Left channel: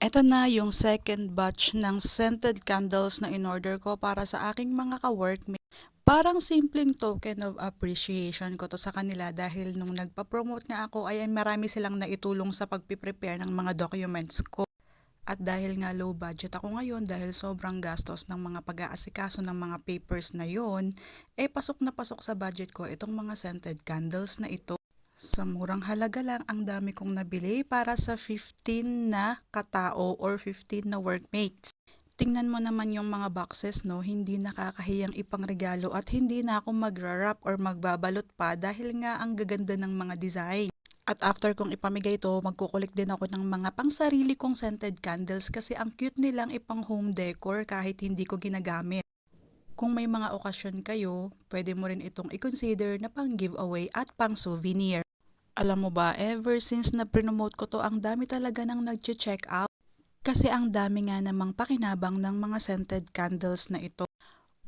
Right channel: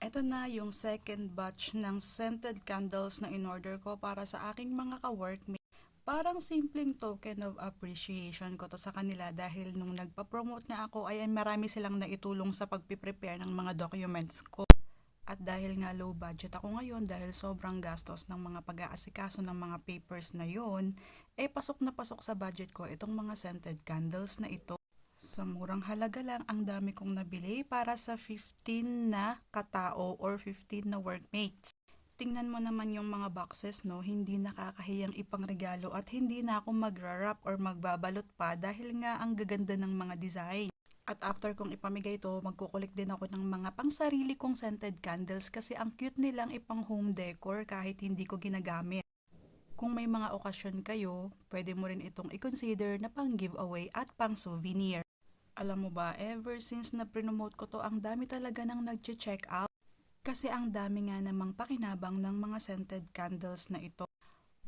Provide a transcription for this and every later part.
Eto na yung second batch ng scented candles na in-order ko para sa aking mga ka-workmate. Parang simpleng token of appreciation ko to sa kanila dahil nung nagpa-promote nga ako ay marami silang naitulong sa pagpiprepare ng mga documents ko. At dahil nga low budget ako ngayon dahil sobrang gastos ng mga pag-aasikaso ng mga papers na yon, pasok na pasok sa budget ko itong mga scented candles na ito. Sa murang halaga lang ang dami kong nabili para sa 15 na katao or 15 na workmates. Tingnan mo naman yung mga boxes, no? Hindi nakakahiyang ipangregalo at hindi na ako magra-wrap or magbabalot pa dahil nga ang gaganda ng mga design. At after kong ipamigay ito, magkukulik din ako ng mga pangsarili kong scented candles kasi ang cute nilang ipang home decor kahit hindi ko ginagamit. Kung may mga okasyon kayo, pwede mo rin itong i-consider na pang giveaway at pang souvenir. Alam mo ba, ever since na promote ko to, ang dami talaga nang nag-check out. Kasi ang dami nga namang pakinabang ng mga scented candles na ito.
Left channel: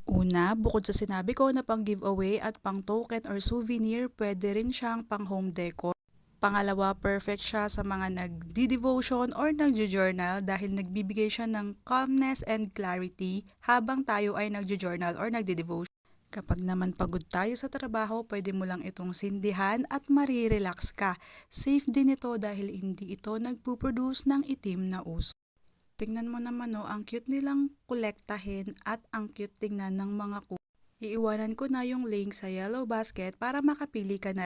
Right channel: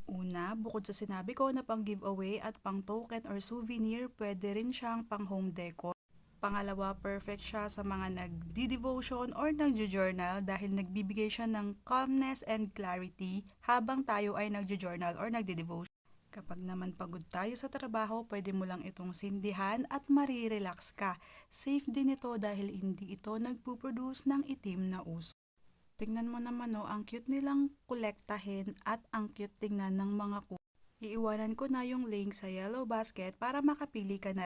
Una, bukod sa sinabi ko na pang giveaway at pang token or souvenir, pwede rin siyang pang home decor. Pangalawa, perfect siya sa mga nagdi-devotion or nagjo-journal dahil nagbibigay siya ng calmness and clarity habang tayo ay nagjo-journal or nagdi-devotion. Kapag naman pagod tayo sa trabaho, pwede mo lang itong sindihan at marirelax ka. Safe din ito dahil hindi ito nagpuproduce ng itim na usok. Tingnan mo naman, no, ang cute nilang kolektahin at ang cute tingnan ng mga Iiwanan ko na yung link sa yellow basket para makapili ka na.